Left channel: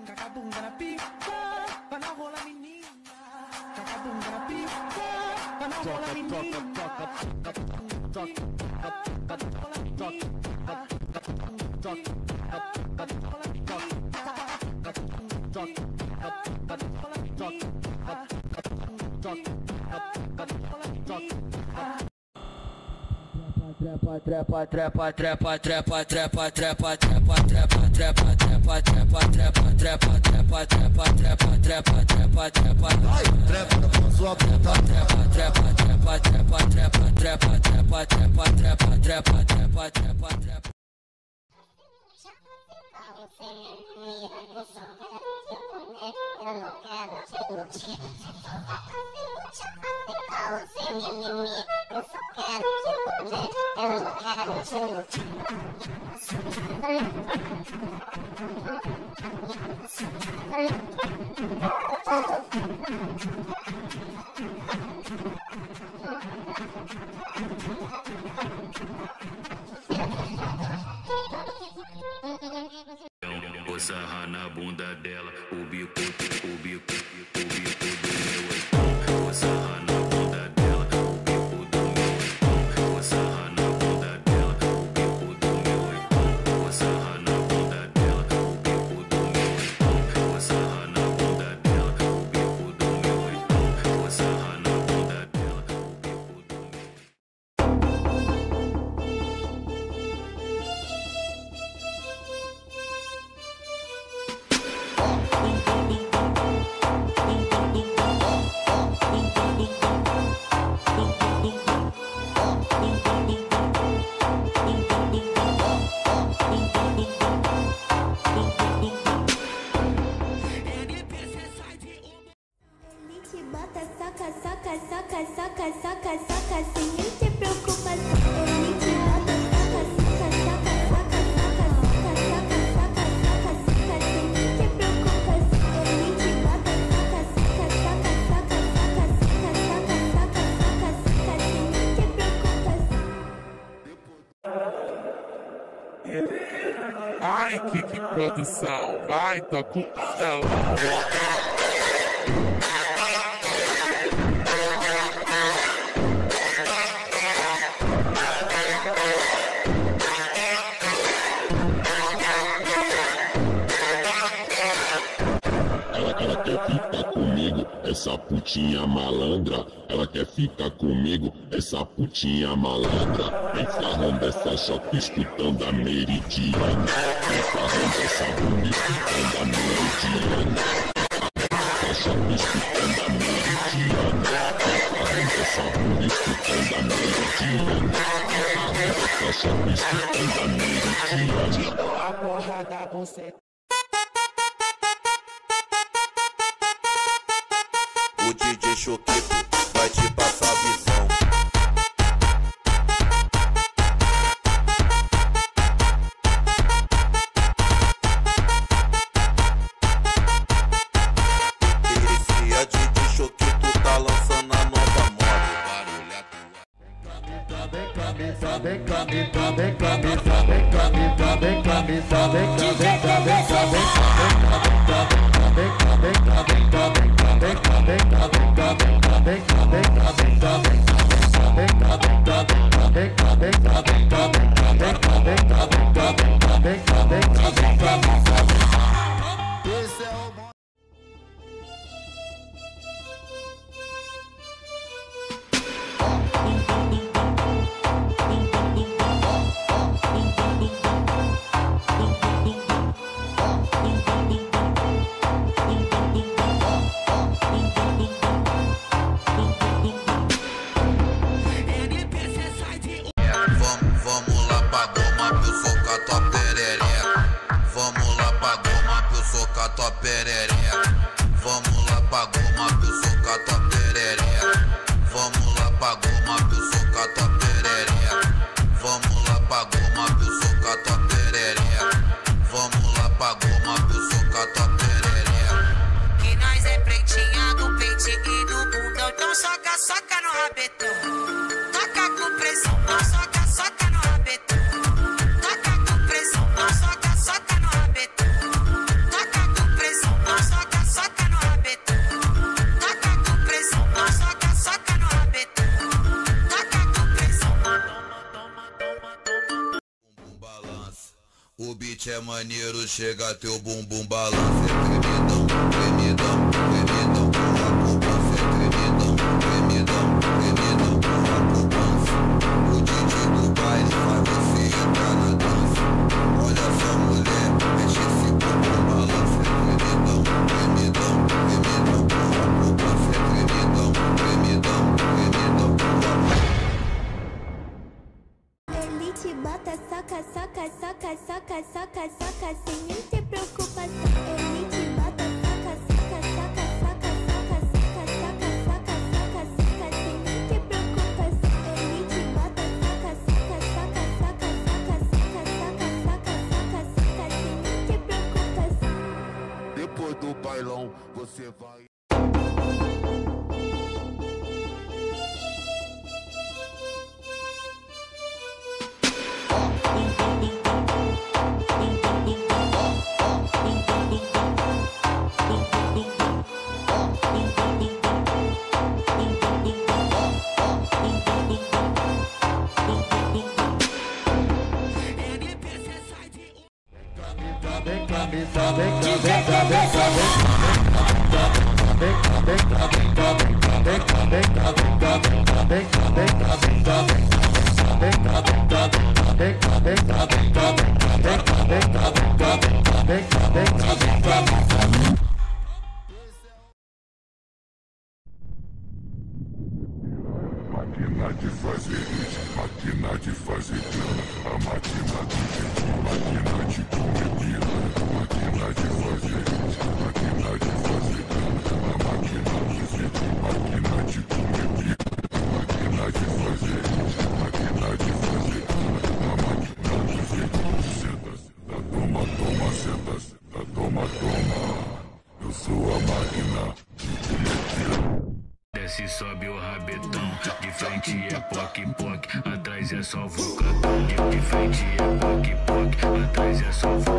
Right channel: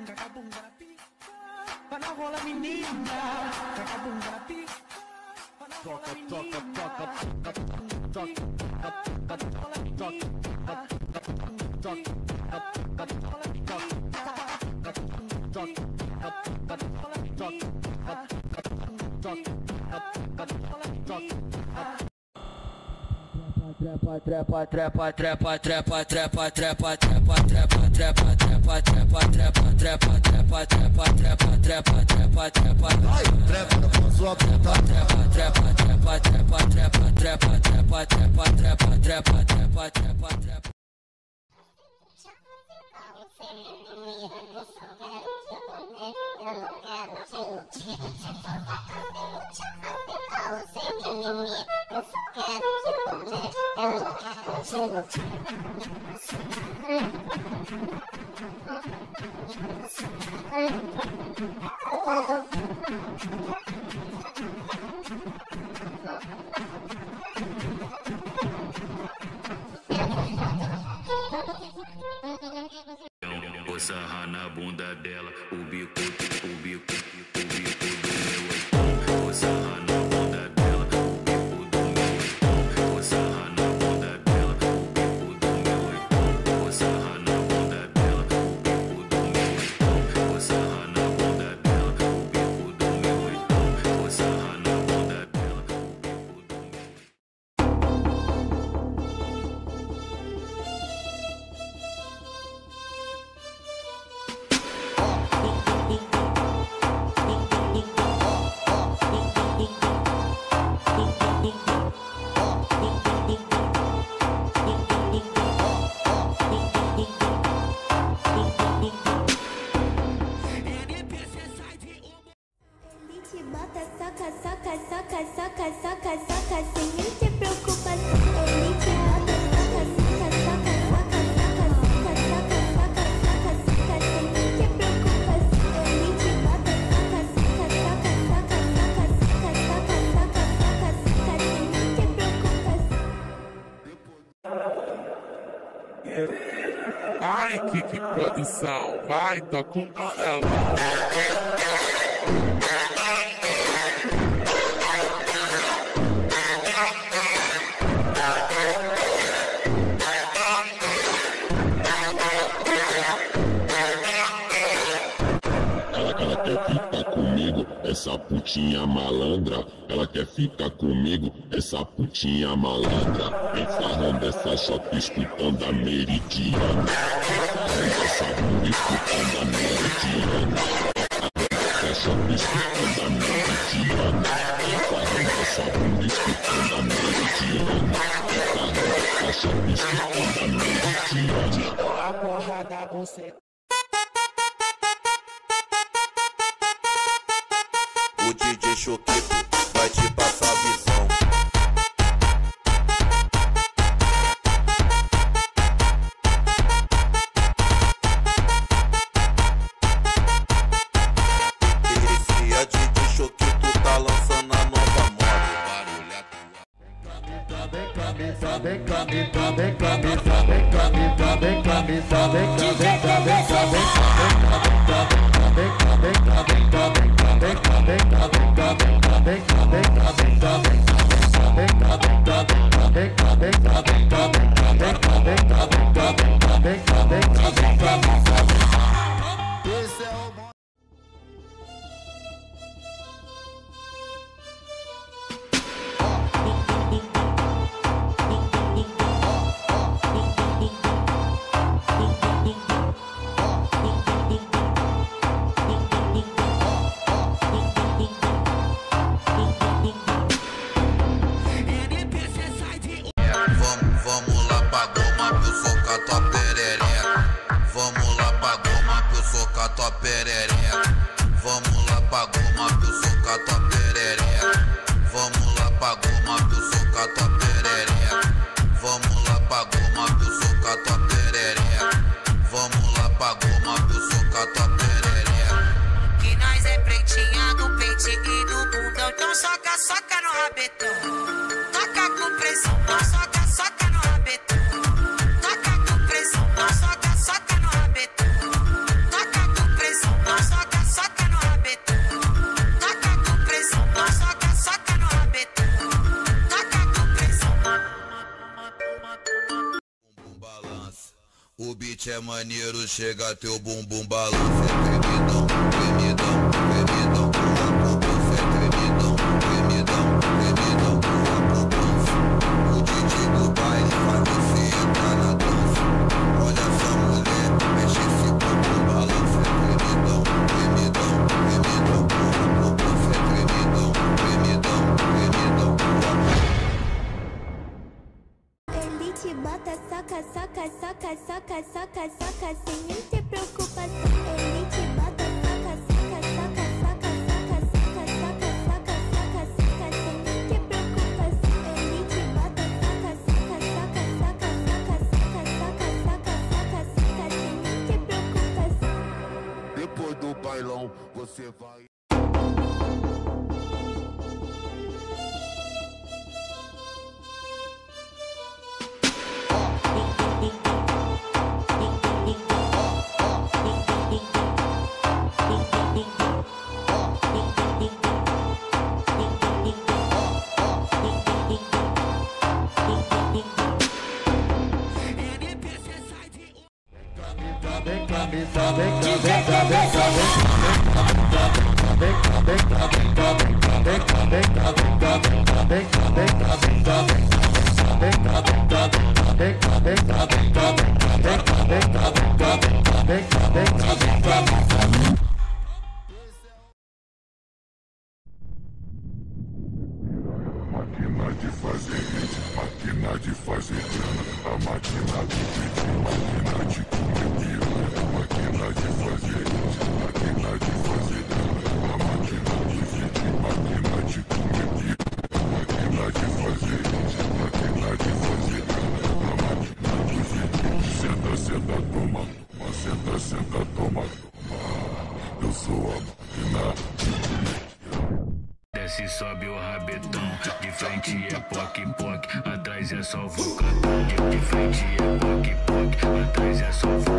cacabunga na pica, vai na rola menina, cacabunga na pica, vai na rola menina, Trepa, sua puta. Vou sarrar na bunda dela, o bico do meu oitão. Vou sarrar na bunda dela, o bico do meu oitão. Vou sarrar na bunda dela, o bico do meu oitão. Vou sarrar na bunda dela, o bico do meu oitão. Vou sarrar na bunda dela, o bico do meu oitão. Vou sarrar na bunda dela, o bico do meu oitão. Bota, soca, soca, soca, soca, soca, soca, sem nem te preocupar. Ele te bota, soca, soca, soca, soca, soca, soca, soca, soca, soca, soca, sem nem te preocupar. Ele te bota, soca, soca, soca, soca, soca, soca, soca, soca, soca, soca, sem nem te preocupar. Ai, que produção, vai, tá com ela. Ela quer ficar comigo, essa putinha malandra. Ela quer ficar comigo, essa putinha malandra. Vem farrando essa chota escutando a meridiana. Vem farrando essa bunda escutando a meridiana. Essa chota escutando a meridiana. Vem farrando essa bunda escutando a meridiana. Vem farrando essa chota escutando a meridiana. A porra da buceta. O DJ Choquito vai te passar a visão. Esse é DJ Choquito, tá lançando a nova moda. Vamos lá pra goma que eu soca tua perereca. Vamos lá pra goma que eu soca tua perereca. Vamos lá pra goma que eu soca tua perereca. Vamos lá pra goma que eu soca tua perereca. Vamos lá pra goma que eu soca tua perereca. Vamos lá pra goma que eu soca tua perereca. Que nós é pretinha do peito e do bundão. Então soca, soca no rabetão. Toca com pressão, então soca, soca no rabetão. Toca com pressão, então soca, soca no rabetão. Toca com pressão. O beat é maneiro, chega teu bumbum balança, é tremidão, tremidão, tremidão, tua poupança é tremidão, tremidão, tremidão, tua poupança. O DJ do baile faz você entrar na dança. Olha só mulher, mexe esse bumbum balança, é tremidão, tremidão, tremidão, tua poupança é tremidão, tremidão, tremidão, tua poupança. Ele te bota, saca, saca, saca, saca, saca, saca, sem nem ter preocupação. Ele te bota, saca, saca, saca, saca, saca, saca, saca, saca, saca, saca, sem nem ter preocupação. Ele te bota, saca, saca, saca, saca, saca, saca, saca, saca, saca, saca, sem nem ter preocupação. Depois do bailão, você vai. Máquina de fazer hit, máquina de fazer grana, a máquina do hit, máquina de comer piranha, máquina de fazer hit, máquina de fazer grana, a máquina do hit, máquina de comer piranha, máquina de fazer hit, máquina de fazer grana, a máquina do hit. Senta, senta, toma, toma, senta, senta, toma, toma. Eu sou a máquina de comer piranha. Desce, sobe o rabetão. De frente é poc, poc. Atrás é só vulcão. De frente é poc, poc. Atrás é só vulcão.